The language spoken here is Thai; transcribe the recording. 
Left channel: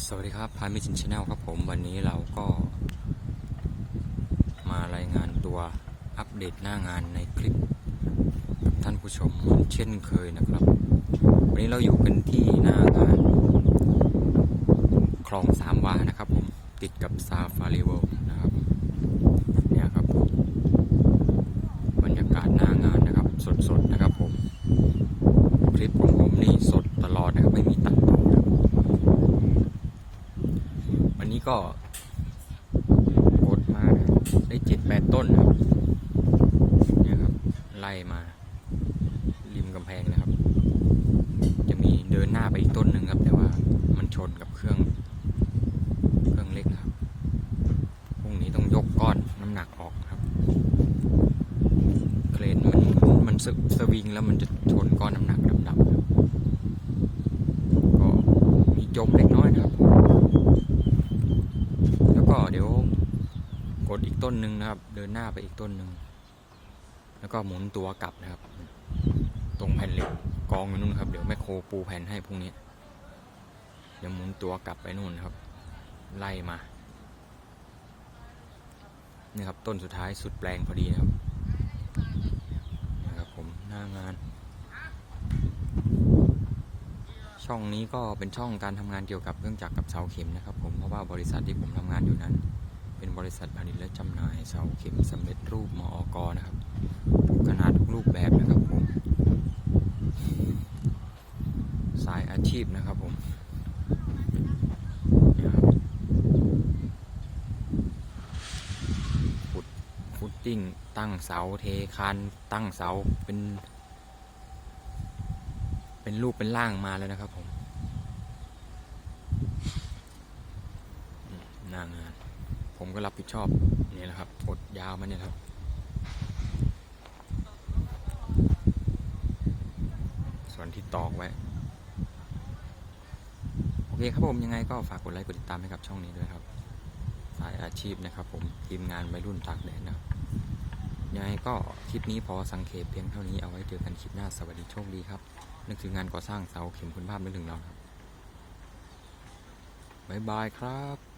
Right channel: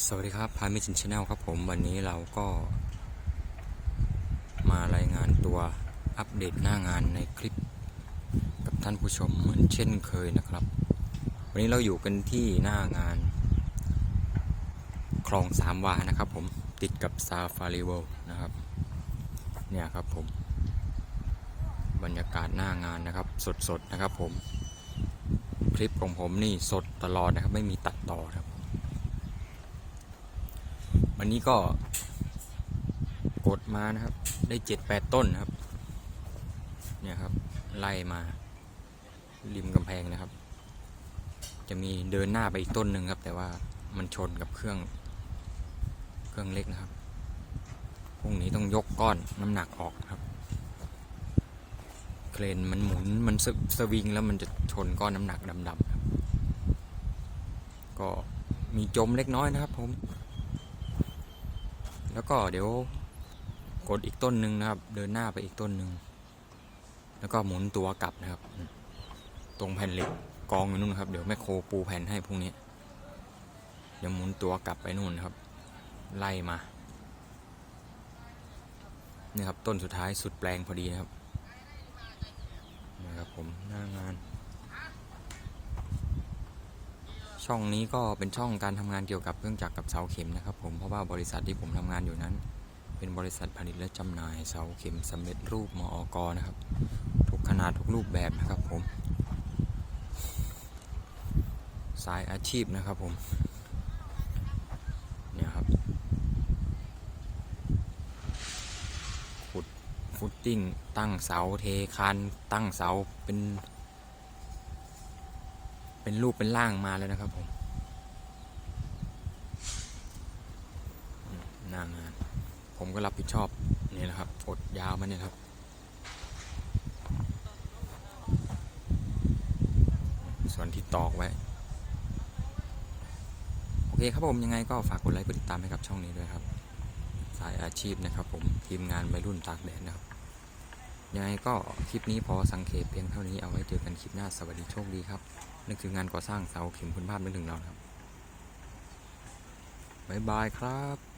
สวัสดีครับพามิชินชาแนลครับผมวันนี้เราก็ มารายงานตัวอัปเดตหน้างานในคลิป กับท่านผู้ชมเหมือนเช่นเคยนะครับ วันนี้เราอยู่กันที่หน้างาน คลองสามวานะครับผมติดกับซาฟารีเวลนะครับเนี่ยครับผมบรรยากาศหน้างานนะครับ สดๆนะครับผม คลิปของผมนี่สดตลอดนะครับไม่มีตัดต่อ นี้ก็กดมานะครับ ได้เจ็ดแปดต้นนะครับเนี่ยครับ ไล่มา ริมกำแพงนะครับ จะมีเดินหน้าไปอีกต้นหนึ่งครับ แต่ว่ามันชนกับเครื่อง เครื่องเล็กนะครับพรุ่งนี้ต้องยกก้อนน้ำหนักออกครับ เครนมันหมุนมันสวิงแล้วมันจะชนก้อนน้ำหนักดำๆครับ ก็มีจมเล็กน้อยนะครับผม ก็เดี๋ยวกดอีกต้นหนึ่งนะครับ เดินหน้าไปอีกต้นหนึ่งแล้วก็หมุนตัวกลับนะครับ ตรงแผ่นเหล็กกองอยู่นู่นครับ เดี๋ยวแม่โครปูแผ่นให้พรุ่งนี้ เดี๋ยวหมุนตัวกลับไปนู่นครับ ไล่มานี่ครับต้นสุดท้ายสุดแปลงพอดีนะครับนี่ครับผมหน้างาน ช่องนี้ก็เป็นช่องการทำงานเกี่ยวกับเครื่องจักรกับเสาเข็มนะครับ ผมเพราะว่าบริษัทที่ผมทำงานอยู่นั้น เป็นบริษัทผลิตและจำหน่ายเสาเข็มสำเร็จรูปมอกนะครับทุกขนาดทุกรูปแบบนะครับผมสายอาชีพนะครับผมเนี่ยครับขุดฟุตติ้งตั้งเสาเทคานตั้งเสาเป็น เป็นรูปเป็นร่างมาแล้วนะครับผมหน้างาน ผมก็รับผิดชอบนี่แหละครับกดยาวมาเนี่ยครับ ส่วนที่ตอกไว้ โอเคครับผมยังไงก็ฝากกดไลค์กดติดตามให้กับช่องนี้ด้วยครับ สายอาชีพนะครับผมทีมงานวัยรุ่นตากแดดนะครับยังไงก็คลิปนี้พอสังเขปเพียงเท่านี้เอาไว้เจอกันคลิปหน้าสวัสดีโชคดีครับ นึกถึงงานก่อสร้างเสาเข็มคุณภาพนึกถึงเรานะครับบ๊ายบายครับ